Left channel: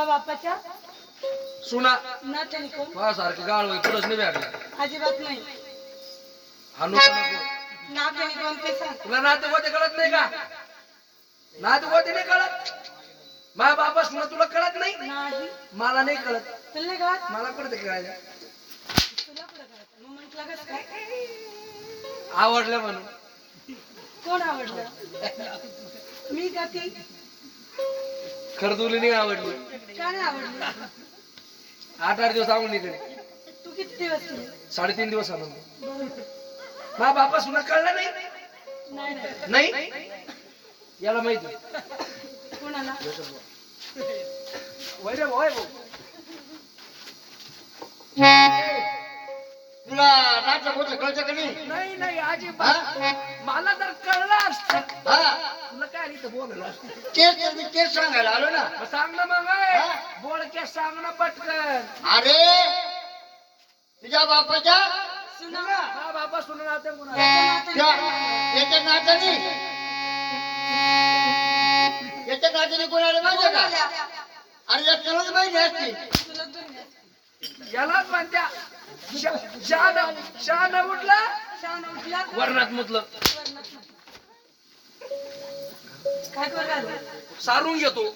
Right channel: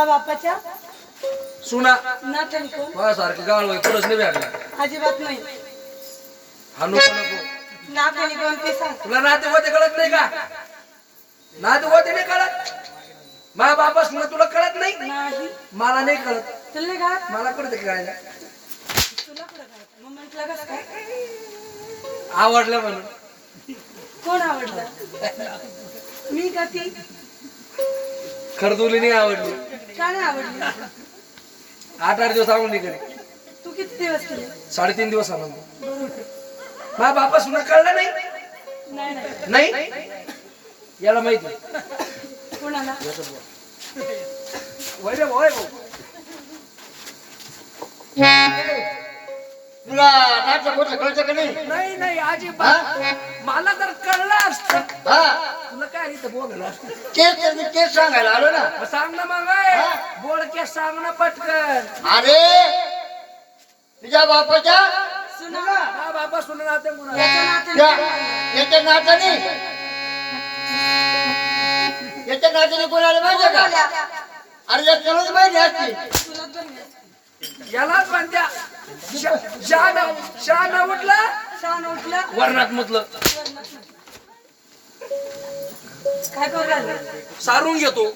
मा बापाच्या. सुना. नात्याने कोण माझ्यासारखं गाळ पुढंच नाही भेटला अजिबात नाही. हा नको नको. नात्याने कोण ते सांग तुला नाते होते कळत नाही का? नाते होते नाही कळत? माझ्या बापा सुना तुला कळत नाही? नाही. मला नाही कळत. तुला मला कळत काय तुला कुठं घात मग म्हटलं कसं काय? आवडलं म्हणून. कोण आवडलं? मी का ती? खरदुली नाही आवडली. का नाही आवडली? आठ आठ दिवस आवडली घरी तू किती दिवस केले? साडेतीन दिवस आनंद माझ्या बापा सुना कळलं नाही? नाही नाही. नाही? याला माहिती कोणाला? वय रे वय भाऊ. तुला नाटक होतं कळतं का नाही? नाही नाही अजिबात. मला तर कळलं असत हा? तुला काय इथं बोललं असतं? तेच तर मी तेच सांगायला आलो ना. मग सांग ना मग ए. बोलके सांग ना पटकन. अरे तुझ्या बापाच्या हा बाबा सुन नाते कोणा त्याच्या नात्याने त्या- कोण आवडलं? याच्या नात्याने. याच्या नात्याने कोणाला माहिती का? अरे या चलत माहिती असते. यालाच म्हणत्या शा- शान शान उठला? शान उठला. वर्णात मुतलं. काय करू राहिलं? सारून घेतो.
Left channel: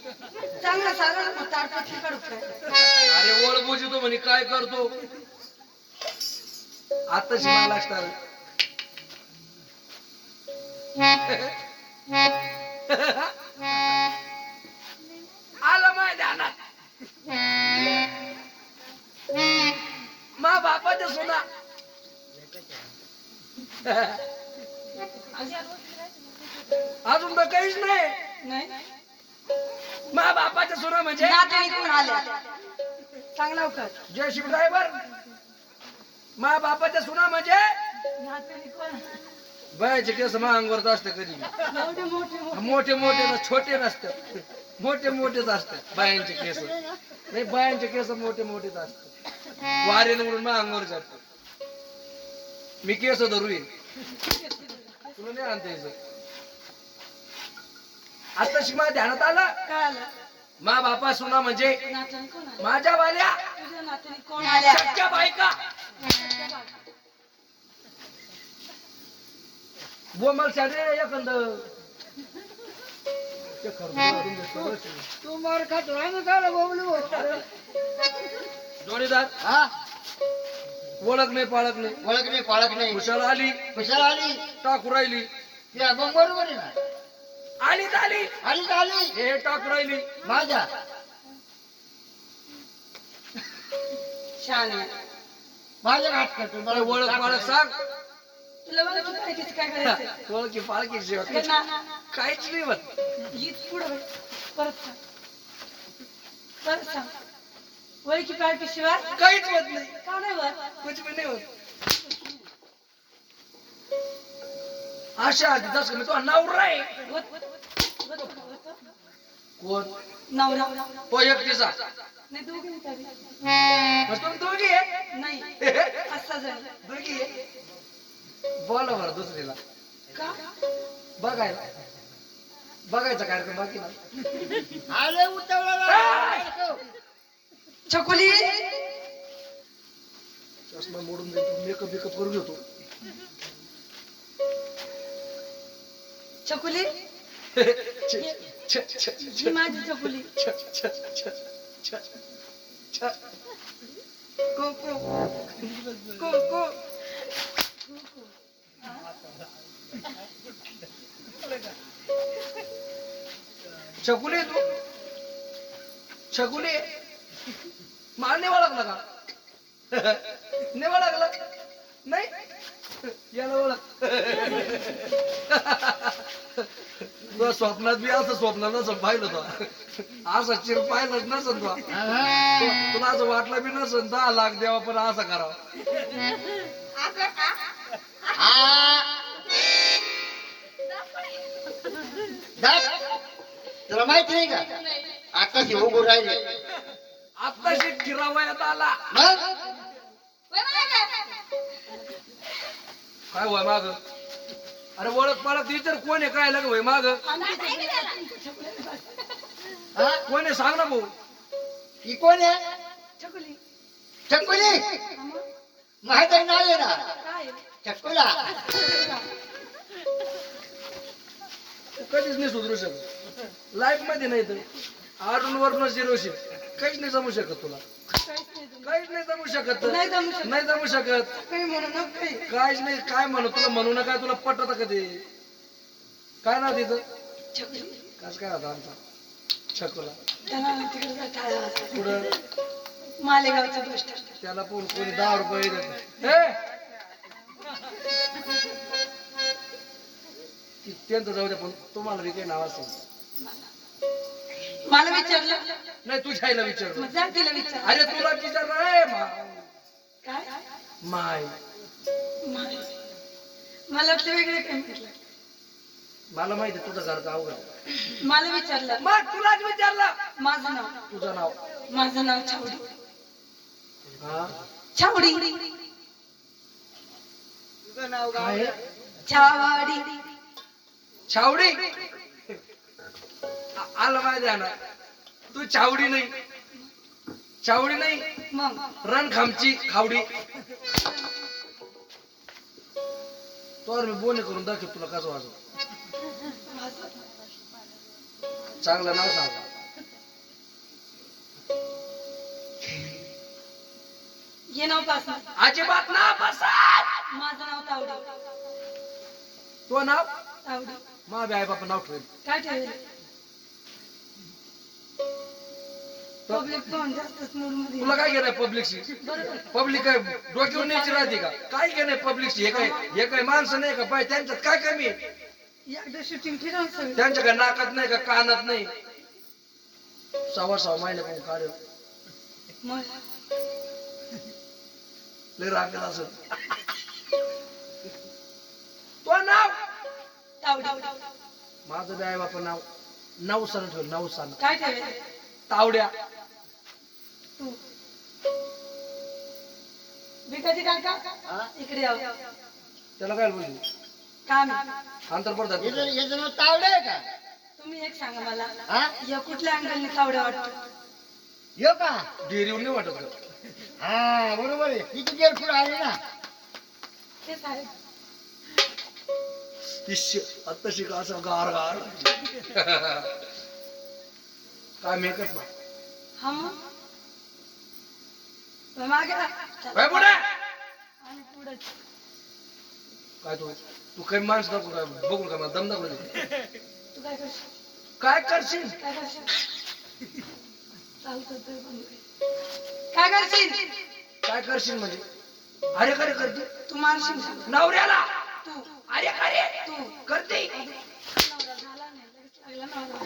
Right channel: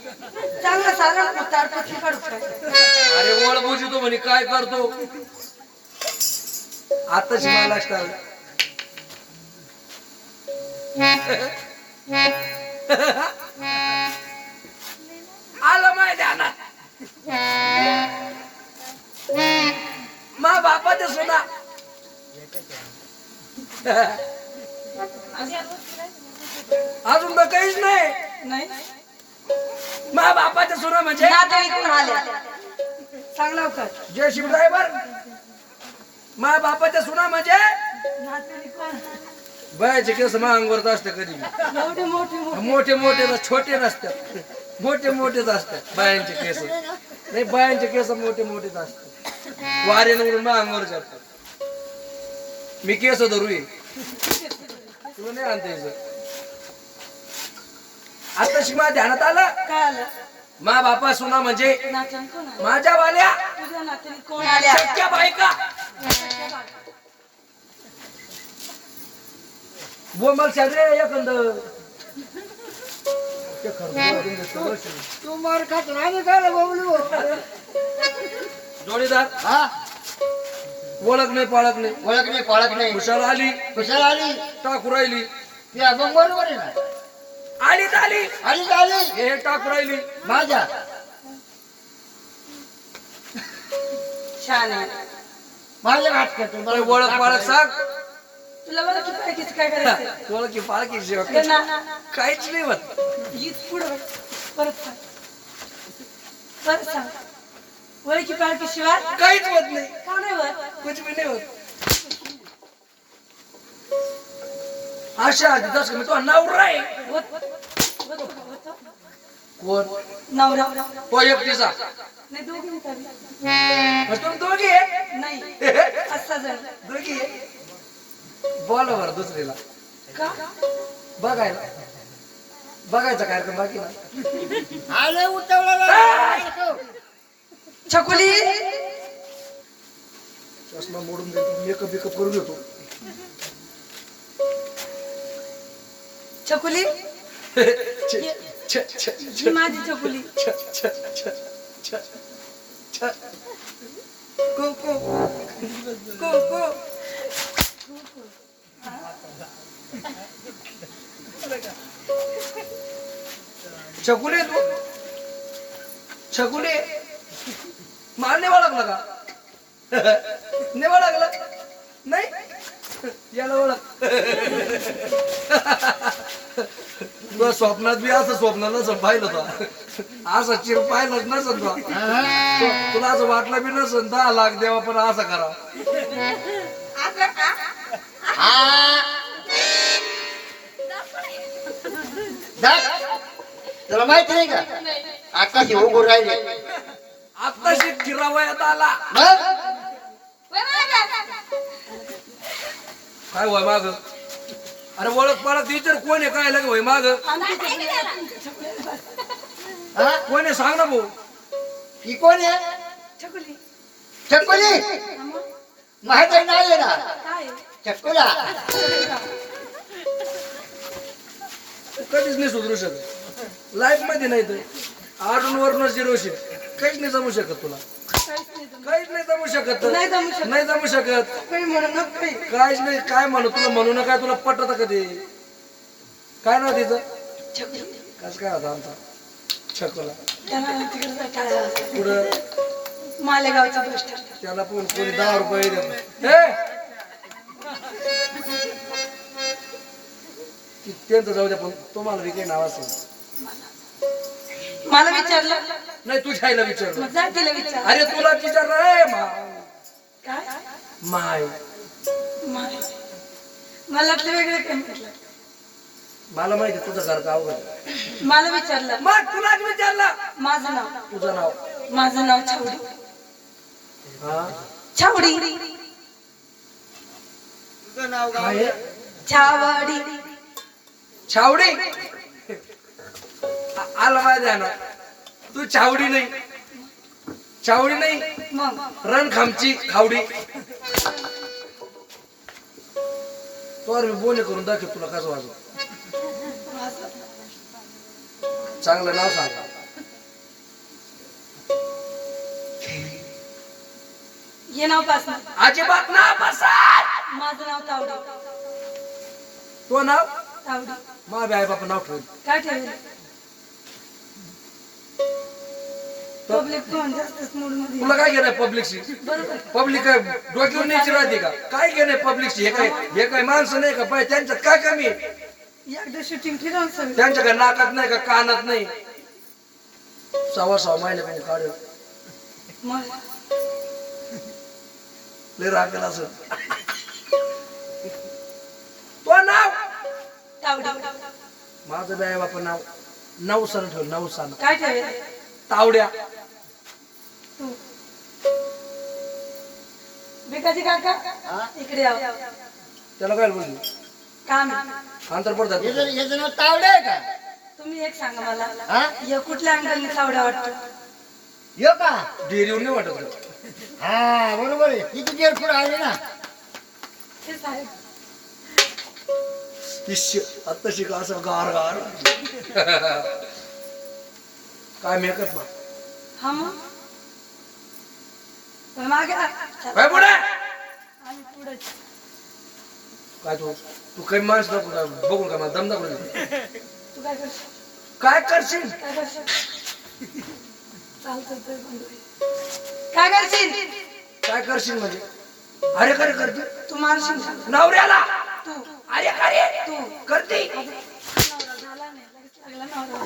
चांगलं सारा ताडपत्री काढू काय? अरे ओळ बुजितो म्हणे काय करतो? आताच मला लक्षात आलं. आलं माय ध्यानात. बापाच्या सुना अजून तर काहीच नाही. मा बापाच्या सुना म्हणजे? सांग लवकर. जयशिव ड्रायव्हर मा बापाच्या सुना म्हणजे? बायाचे केस मा अंगावरच असते कधी. मोठे मोठे. मोठे मोठे ना छोटे नसतात. मोठे मोठेच असतात बायांचे केस. नाही बायांचे केस मोठे मोठेच असतात. वारे निवडून मा अंगावर जातात मी केस धरू ये. तुला नाही आणता यायचं ध्यानात आलं? काय आलं? मा बापा सुना म्हणजे माझ्या वाल्या. तुझ्या नात्याने कोण आल्या? सख्या बायका. बोंबल एखंद ते मार खातो आम्ही काय बोलू जोडीदार? हा? ओळख नाही पाळख नाही. ओळख नाही पाळख नाही. हुशार आली. कुशाला आली. टाकू राहिली. मग बरोबर आहे ना? आली तर आली. आली तर आली. हे टाकू राहिली. माझ्या. छान आहे. माझ्या हात करतो मला ओळख पाळख सांग. तुला काय करायचं? ओळखी पाळखी शिवाय ये ना. काहीच नाही होत हीच पुढे बघ. परत सांग. परत सांग. ओळखी पाळखी शिवाय काहीच होत नाही. का नाही कुछ भी नाही होत. आशा तिथंच मी तो नवरा आहे. होत होत होत कोण? नवरा. तो एकटीचा नाही दोघी तरी मग तुम्ही दोघी आहे नाही. असा जण. दोघी आहे बोला बरं दुसरीला. का? बघायला. बघायचा कार्यक्रम बाकी नाही आले उठवला. छकुली? चष्मा मोडून जाईल मेकअप बिकअप करून घेतो. छकुली? ही माझी छकुली. को, को, को, को. छकुली तू? छकुली? मला नेवा लागला का? नेवा लागला? नाही? याला ओळख. तुला स्वप्नात बी असं स्वप्न नसं पाहिलं तो असं चिर पाहिलंच नसन तो तुला असं वाटलं बी नसन दहा लाख द्यावा पण असं करावं. तुला माहीत नाही का? आता उभं राहिले. आत्ताशी किरावयात आला. मग? काय वय माग अरे ओळख पाळख टीचर कोण आहे? काय लगे वय माग हा? कोण आहे? सांग ना भाऊ. ही कोण आहे? चकुली? माहीत आहे नाही आहे ना? चकुला. तू कधीच नाही सुधरू शकत. लाईफमध्ये नाही तर. आडून वरून झिरोशी काहीच नाही जमू शकत तुला काहीच नाही जमू शकत नाही जमू शकत. नाही जमू शकत काही म्हणू नका काही. काहीच नाही काय म्हणू तुला म्हणू ना काय तुला पटत कधी काय नाव तिचं. कस काय होता आमचा छकोला तिकडे आहे. पुढं मालेगावचं त्याला पण कोणी दहा रुपये देत हे! ती त्यांचं जाऊ द्या पण तुम्हाला बी काही नाव असेल मला विचारलं नाही तुझ्या आईला विचारलं. मग जा तिला विचार. अरे तुला विचारलं रे मा. काय? माय. माय. मला वाटलं वेगळं काय म्हटलं. मला माहिती आहे तुझं घर का अवघड आहे. मला विचारलं. मग तुलाच विचारलं. माझं नाव. तुझं नाव. माझं नाव छावडी. हा? छावडी. काय? आहे? छावडी. छावडी? आ- आलं माझ्या ध्यानात. तू छावडी नाही. छावडी नाही. मग? रणखामची खावडी. तो मी बोने करून दाखव तुला कसं वाजव. चांगलं नाव सांग. हे नाव पास अजिबात ना बसात माझं नाव तावडी. तो नाव? तावडी. मा आई बापा नाव ठेवेल. काय ठेवेल? पब्लिक पण जास्तच मूडमध्ये तुला काय घेणार पब्लिकशी पब्लिक काय डोक्यावर न्यायची राहते का? काय घेणे पब्लिकशी हे काय हे काय माणसं नाही का? पाय त्यांच्यात काय कमी आहे? एकदा शूटिंग फिरवून सगळं त्यांच्या काय नाकात नाही का? कानात नाही? सव्वा सहा महिने पण काढ मग? लय राखेल असं. तो नाव? तावडी. माझं बी आई बापा नाव नवसान ठेव नवसान काय ठेवेल तावड्या. तू भिकाजी काका इकडे त्याला काय काम आहे. अंतर पडतात याचं याचं नाव तावडे आहे का? तुम्ही एक सांगा मला. हा? या कुठल्या अंगाने तावड्या वाटतो? यो का? डेअरीवर नाही वाटत का हा बरोबर आहे. किती देर पुढे आले ना? ते साहेब. इश्य आत्ता शिका असं गार गार. काय मेकअप ना हा मग? मागे. काय पुढे. आम्ही पुढे. काय तू तू काही माणसं दाखवू का बघू का मला दम दाखवू दे. तू काय करशील? काय करशील? काय करशील? चालतं ते पण. काय करशील? काय करशील म्हणजे? अरे करे करते तू मारशील नवऱ्याला? तू. अरे करे तू. करते. नवरा झाला नाही. लगेच लागला नवरा.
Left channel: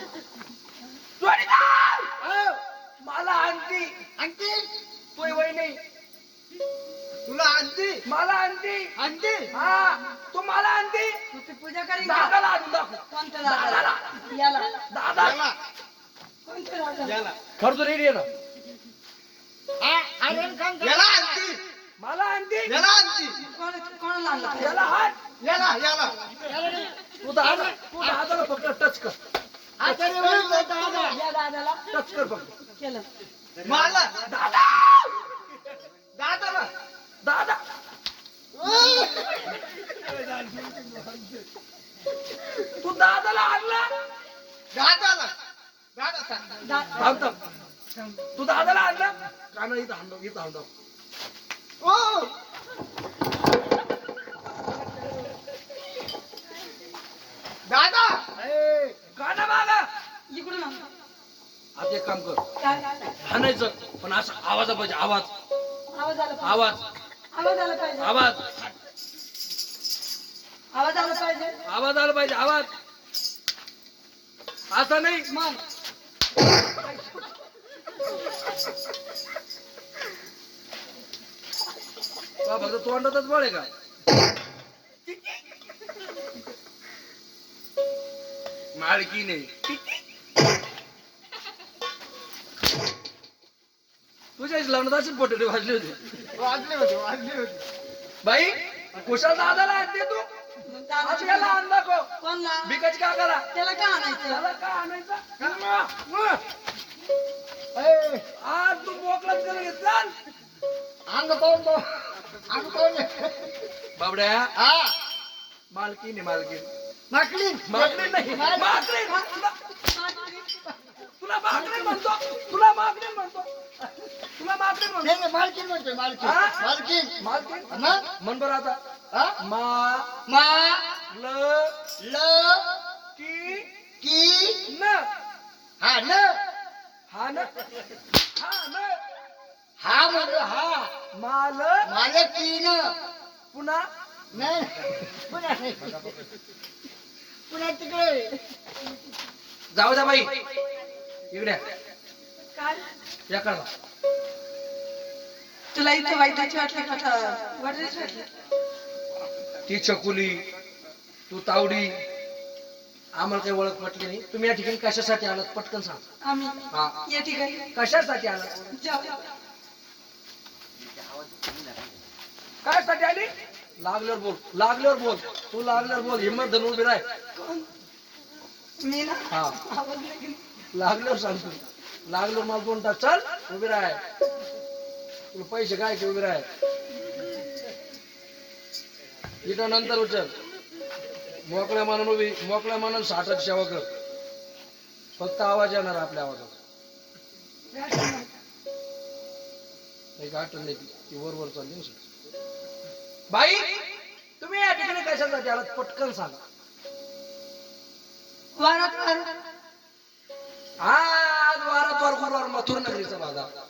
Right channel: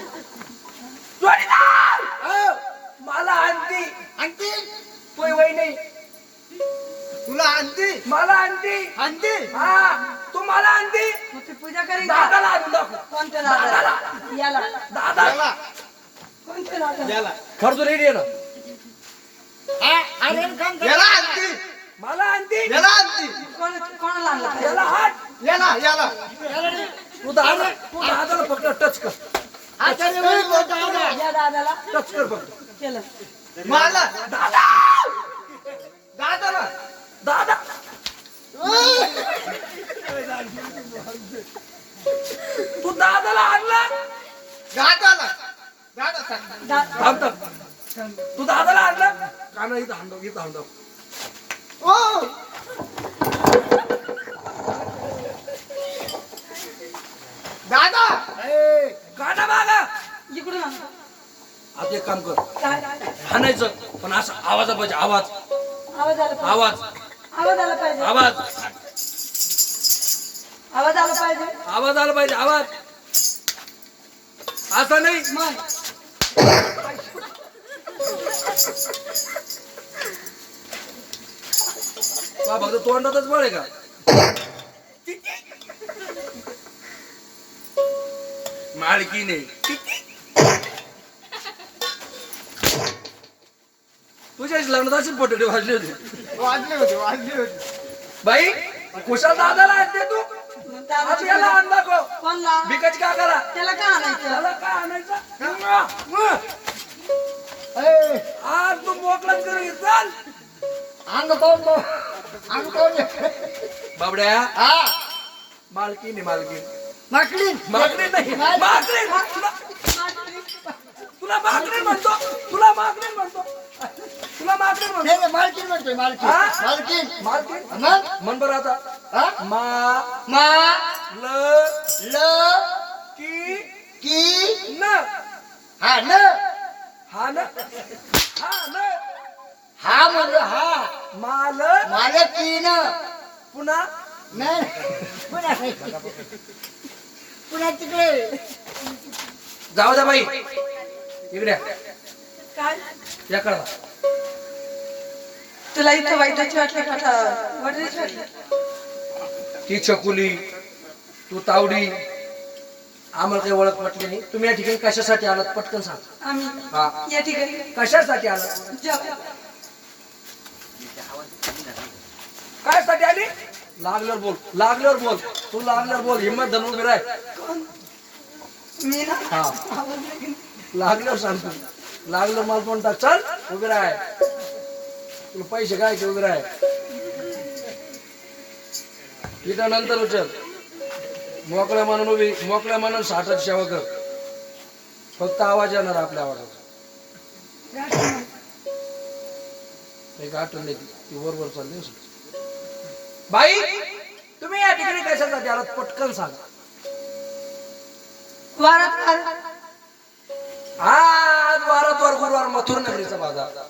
जोडीदार! अहो, मला आणती. आणते? तोय वय नाही. तुला आणते मला आणती आणते हा तू मला आणती मग ती पूजा करीन का? दादाला आणून दाखव. कोणत्या दादाला. याला. दादा. कोणत्या दादाला? खर्च रेडी आहे ना? याला आणते मला आणती याला आणते कोण कोणाला आणला? याला हात. याला याला. तू दादा तू दादाला फक्त टच कर. दादा. या दादाला. टच कर फक्त. केलं. मला दादा! दादाला दादा! तू दादाला आणला? दादाला. दादा थांब थांब. तू दादाला आणला? काना इथं हांडव इथं हांडव ओ! दादा! ए काना मागा. इकडून आण. आता एक काम कर। काय हाणायचं पण असं आवाजा पाहिजे आवाज. आवाज आला पाहिजे. आवाज. आवाज आला पाहिजे. आवाज. आवाज आला पाहिजे. आवाज आला पाहिजे आवाज. असा नाही. मग. बा फक्त तोंडातच बळ आहे का? मालकी नाही तुझ्या लग्नात अशी पोटडी वाजली होती. वाजले होते वाजले होते. बाई कुशाल दादाला आणते तू. आज याला आण दाखव. कोणला? बिकाची का करा त्याला का आणायचं? त्याला का आणायचं? ए आज चाल. अंग पाहून पाहून अंग पाहून बाबड्या. हा. मालकीन आहे मालकीन. माकडी मागणी नाही मागणी तुला तुला मागणी म्हणतो. तुला मागणी म्हणतो. तुला मागणी म्हणतो नाही नाही, मालकीण म्हणतोय मालकीण. हा? मालकीण. मालकीन मग? म्हण बरं आता. हा? मा मा ल ल की की न. हा न. हा न. हा न. हा म्हणलो हा. माल मालकीन पुन्हा? नाही पुन्हा नाही. पुन्हा तिकडे. जाऊ द्या बाई. इकडे काय? या कळवा तुला इथं वाईटाची वाटली ती चकुली तू तावडी आम्हाला काही ओळख पटली नाही. तुम्ही या ठिकाणी कशासाठी आलात? पटकन सांग. आम्ही हा. या ठिकाणी. कशासाठी आलात? जाऊ. काय साठी आली? लागल्यावर बोल. लागल्यावर बोल. तू लागल्यावर बोल. हिंमत धरून उभी राह. कोण? मी ना? हा. आवाज नाही. केला. लागल्यावर सांगतो. लागल्यावर मला टाक चल उभी राह. तुला पैसे काय की उभी राह. इथं नंतर उचल. मोकळ्या मानून उभी मोकळ्या मानून साठाची सेवा कर. फक्त आवाज येणार आपल्या आवाजाचा एक आठवण नाही ती वर चालली सगळी. बाई तुम्ही या ठिकाणी कशासाठी आलात पटकन सांगा. वारात वार आज वारात वार गुरुवार मथुर नगरीचा बाजार.